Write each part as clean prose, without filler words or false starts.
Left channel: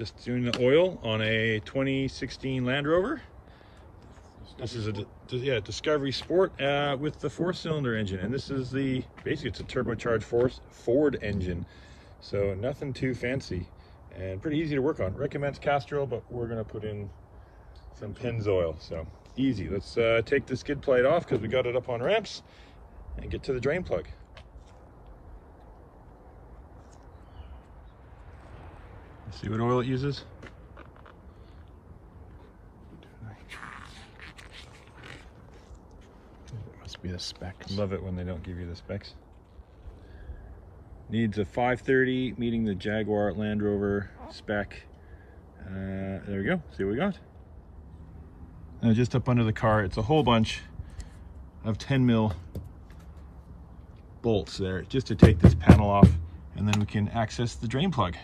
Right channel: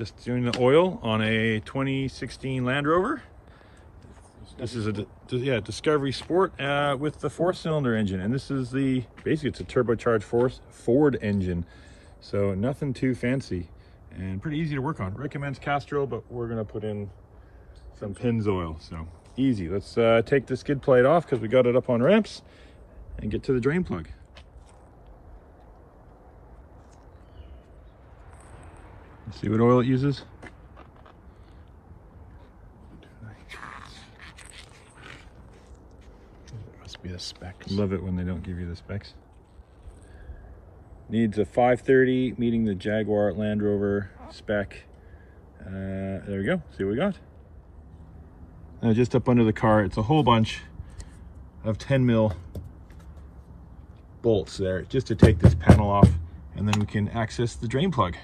Just doing the oil on a 2016 Land Rover. This is a Discovery Sport with the 4-cylinder engine, and this is basically it's a turbocharged Ford engine, so nothing too fancy and pretty easy to work on. Recommends Castrol, but we're gonna put in some Pennzoil, so easy. Let's take the skid plate off because we got it up on ramps and get to the drain plug. See what oil it uses. Must be the specs. Love it when they don't give you the specs. Needs a 530, meeting the Jaguar Land Rover spec. There we go. See what we got. Now just up under the car, it's a whole bunch of 10 mil bolts there, just to take this panel off, and then we can access the drain plug.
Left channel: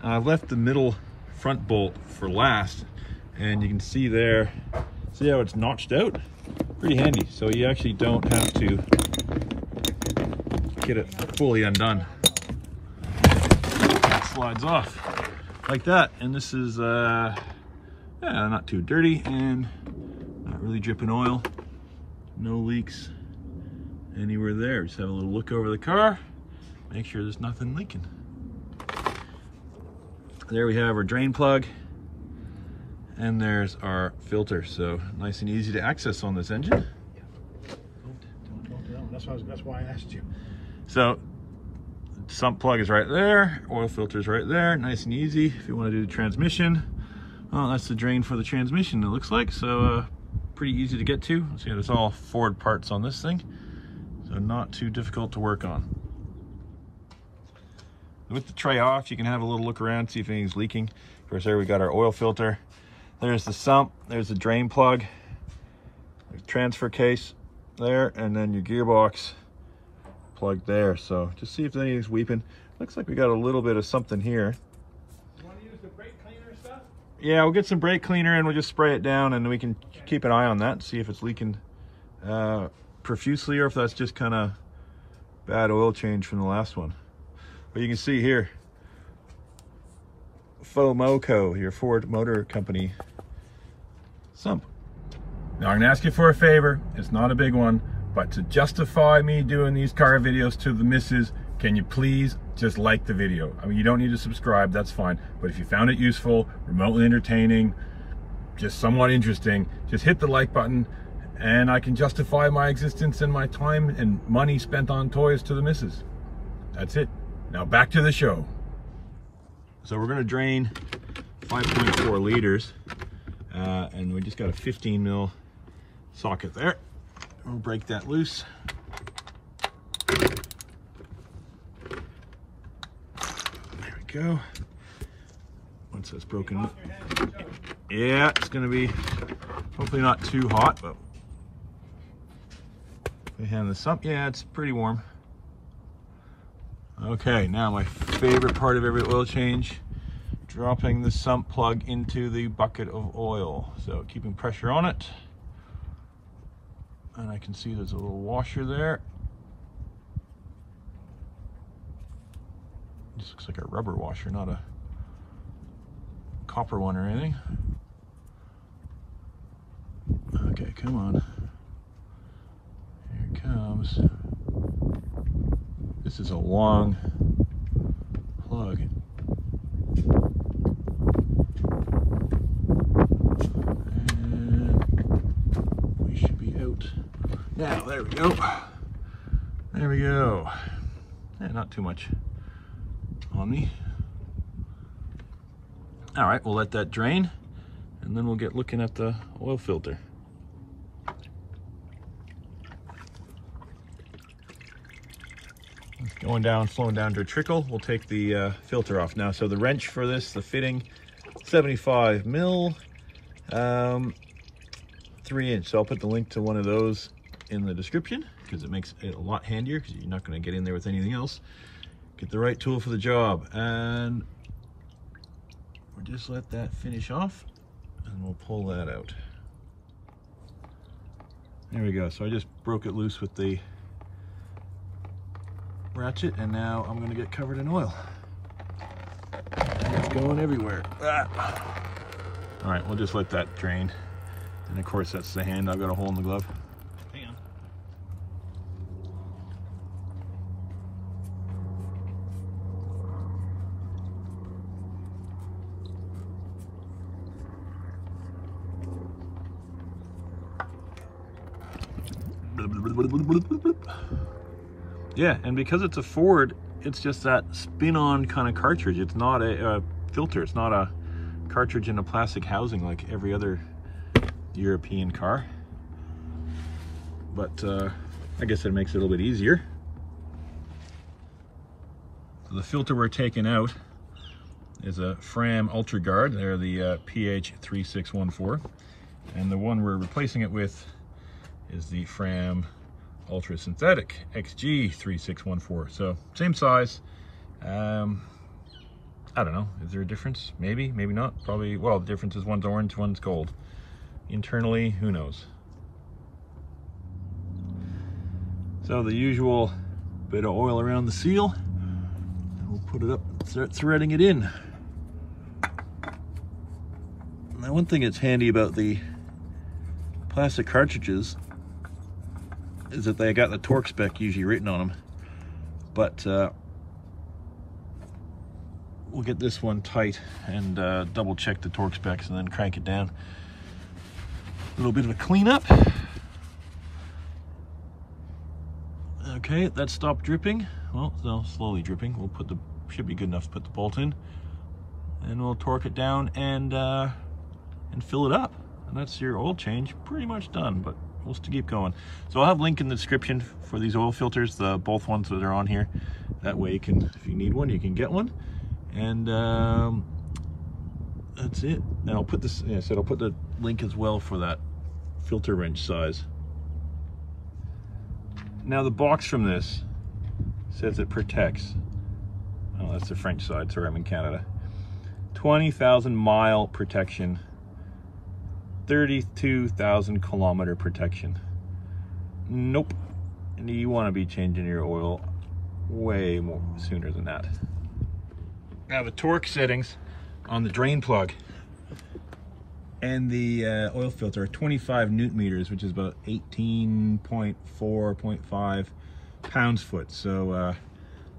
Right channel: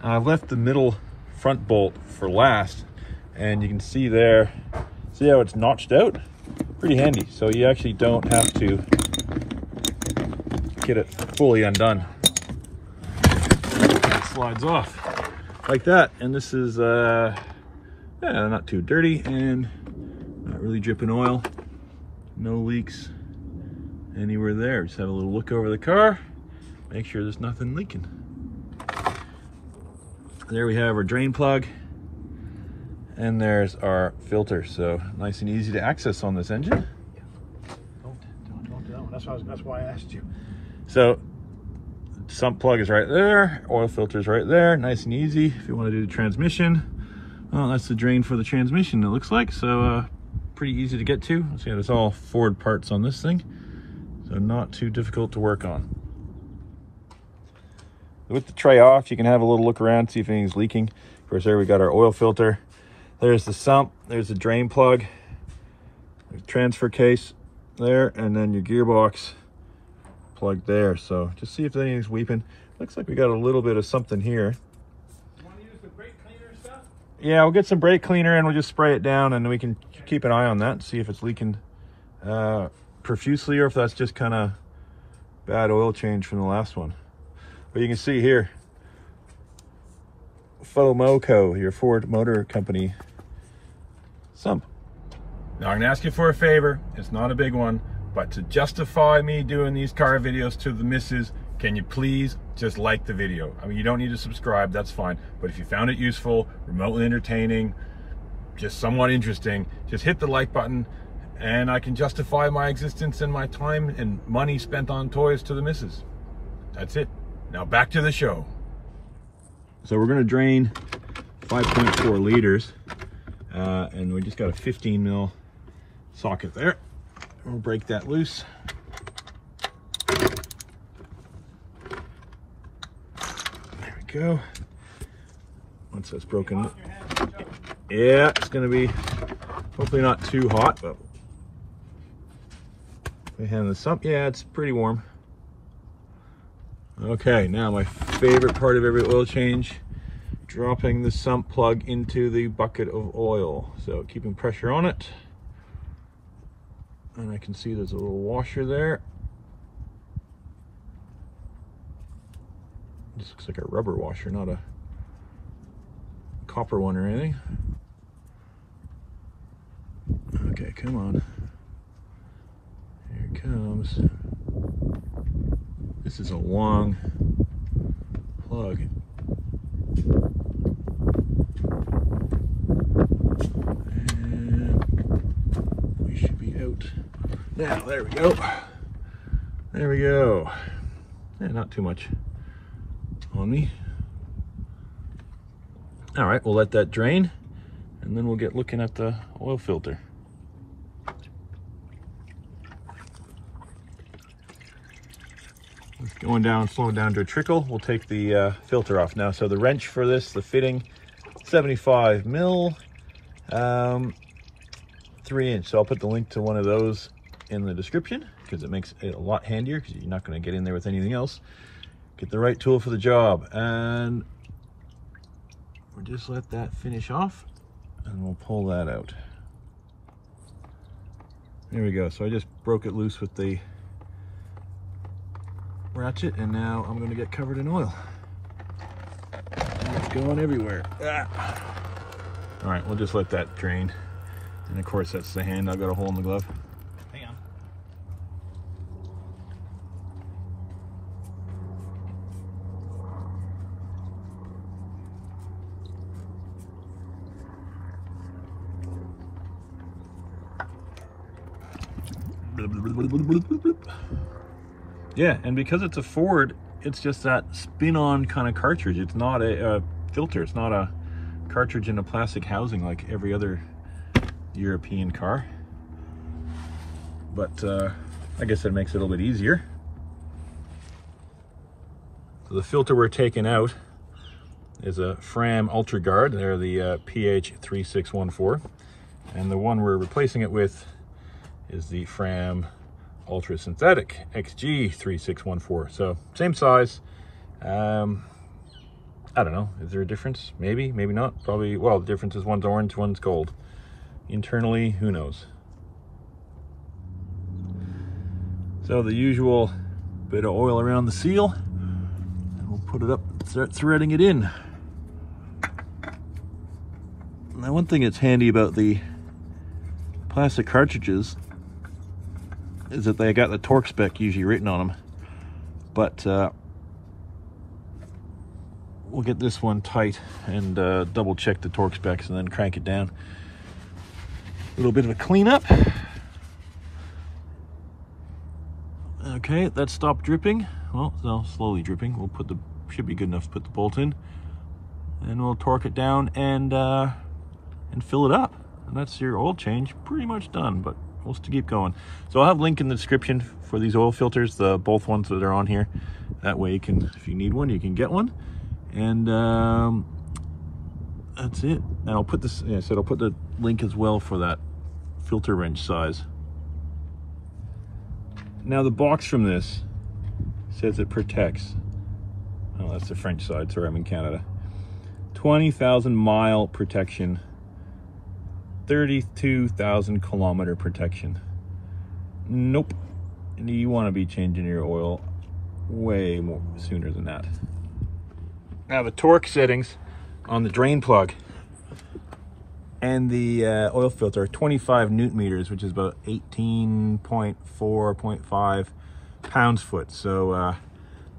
I've left the middle front bolt for last, and you can see there, see how it's notched out? Pretty handy, so you actually don't have to get it fully undone. It slides off like that, and this is yeah, not too dirty and not really dripping oil. No leaks anywhere there. Just have a little look over the car, make sure there's nothing leaking. There we have our drain plug, and there's our filter. So nice and easy to access on this engine. Don't. That's why I asked you. So sump plug is right there, oil filter is right there, nice and easy. If you want to do the transmission, well, that's the drain for the transmission, it looks like. So pretty easy to get to. See, there's all Ford parts on this thing, so not too difficult to work on. With the tray off, you can have a little look around, see if anything's leaking. Of course, there we got our oil filter. There's the sump, there's the drain plug, there's transfer case there, and then your gearbox plug there. So just see if anything's weeping. Looks like we got a little bit of something here. You want to use the brake cleaner and stuff? Yeah, we'll get some brake cleaner and we'll just spray it down, and we can keep an eye on that and see if it's leaking profusely or if that's just kind of bad oil change from the last one. But you can see here, FOMOCO, your Ford Motor Company sump. Now I'm gonna ask you for a favor. It's not a big one, but to justify me doing these car videos to the missus, can you please just like the video? I mean, you don't need to subscribe, that's fine. But if you found it useful, remotely entertaining, just somewhat interesting, just hit the like button, and I can justify my existence and my time and money spent on toys to the missus. That's it. Now back to the show. So we're gonna drain 5.4 liters, and we just got a 15 mil socket there. We'll break that loose. There we go. Once that's broken, yeah, it's gonna be hopefully not too hot, but we hand this up. Yeah, it's pretty warm. Okay, now my favorite part of every oil change, dropping the sump plug into the bucket of oil. So keeping pressure on it. And I can see there's a little washer there. This looks like a rubber washer, not a copper one or anything. Okay, come on. Here it comes. This is a long plug. And we should be out. Now, there we go. There we go. Yeah, not too much on me. All right, we'll let that drain, and then we'll get looking at the oil filter. It's going down, slowing down to a trickle. We'll take the filter off now. So the wrench for this, the fitting, 75 mil, 3-inch. So I'll put the link to one of those in the description because it makes it a lot handier because you're not going to get in there with anything else. Get the right tool for the job, and we'll just let that finish off, and we'll pull that out. There we go. So I just broke it loose with the ratchet, and now I'm going to get covered in oil. It's going everywhere. Ah. All right, we'll just let that drain. And of course, that's the hand. I've got a hole in the glove. Hang on. Yeah, and because it's a Ford, it's just that spin-on kind of cartridge. It's not a filter. It's not a cartridge in a plastic housing like every other European car. But I guess that makes it a little bit easier. So the filter we're taking out is a Fram Ultra Guard. They're the PH3614. And the one we're replacing it with is the Fram Ultra Synthetic XG3614. So same size. I don't know, is there a difference? Maybe, maybe not. Probably, well, the difference is one's orange, one's gold. Internally, who knows? So the usual bit of oil around the seal, and we'll put it up, start threading it in. Now, one thing that's handy about the plastic cartridges is that they got the torque spec usually written on them, but we'll get this one tight and double check the torque specs and then crank it down. A little bit of a cleanup. Okay, that stopped dripping. Well, no, slowly dripping. We'll put the, should be good enough to put the bolt in, and we'll torque it down and fill it up. And that's your oil change pretty much done, but we'll still keep going. So I'll have a link in the description for these oil filters, the both ones that are on here. That way you can, if you need one, you can get one. And that's it. And I'll put this, I said I'll put the link as well for that filter wrench size. Now the box from this says it protects. Oh, that's the French side, sorry, I'm in Canada. 20,000 mile protection, 32,000 kilometer protection. Nope. And you want to be changing your oil way more sooner than that. Now the torque settings on the drain plug and the oil filter are 25 newton meters, which is about 18.4.5 pounds-foot. So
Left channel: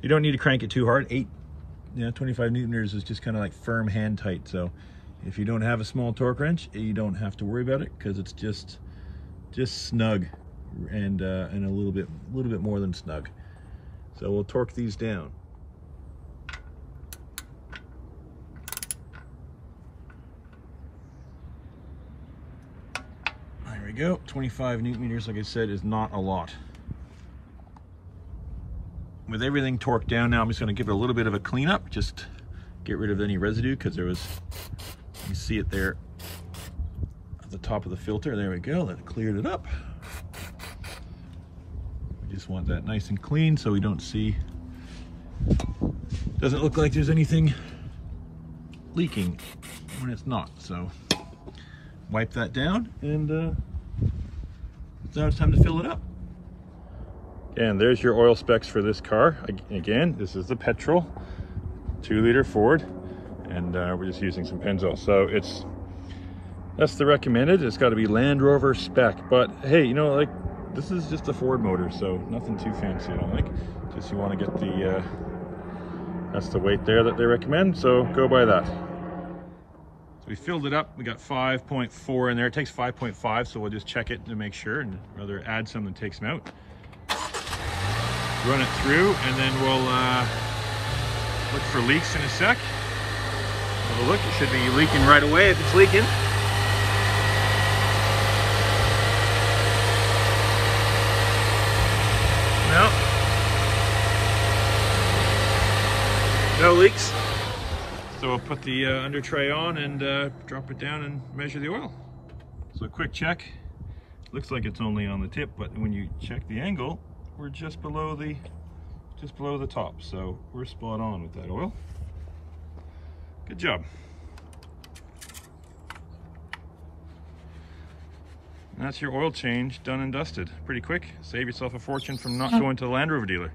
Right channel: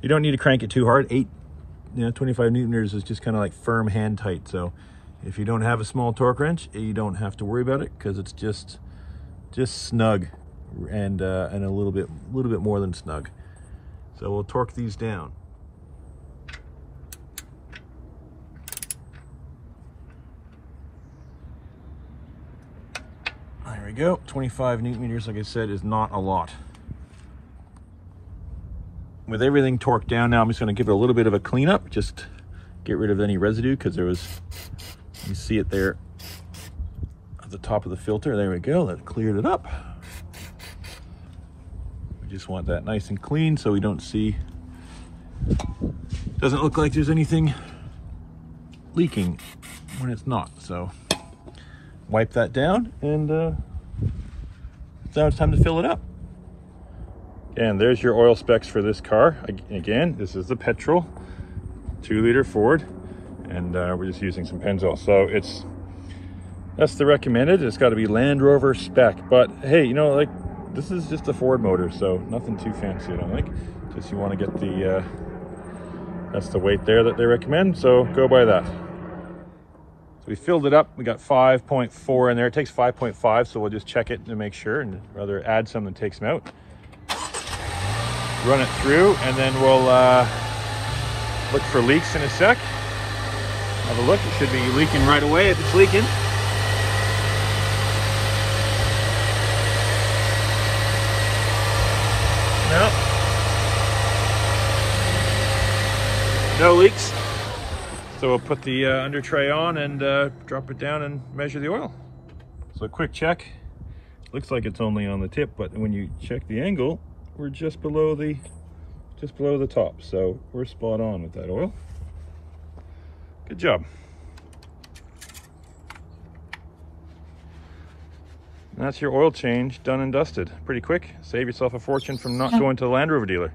you don't need to crank it too hard. 25 newton meters is just kind of like firm hand tight. So if you don't have a small torque wrench, you don't have to worry about it because it's just snug and a little bit more than snug. So we'll torque these down. There we go. 25 newton meters, like I said, is not a lot. With everything torqued down now, I'm just going to give it a little bit of a cleanup, just get rid of any residue, because there was, you see it there at the top of the filter. There we go, that cleared it up. We just want that nice and clean so we don't see, doesn't look like there's anything leaking when it's not. So wipe that down, and now it's time to fill it up. And there's your oil specs for this car. Again, this is the petrol 2-liter Ford, and we're just using some Pennzoil. So that's the recommended. It's got to be Land Rover spec, but hey, you know, like, this is just a Ford motor, so nothing too fancy, I don't think. Just you want to get the that's the weight there that they recommend, so go by that. So we filled it up. We got 5.4 in there. It takes 5.5, so we'll just check it to make sure, and rather add some than take some out. Run it through, and then we'll look for leaks in a sec. Have a look. It should be leaking right away if it's leaking. No leaks. So we'll put the under tray on and drop it down and measure the oil. So a quick check. Looks like it's only on the tip, but when you check the angle, we're just below the top. So we're spot on with that oil. Good job. And that's your oil change done and dusted. Pretty quick. Save yourself a fortune from not going to the Land Rover dealer.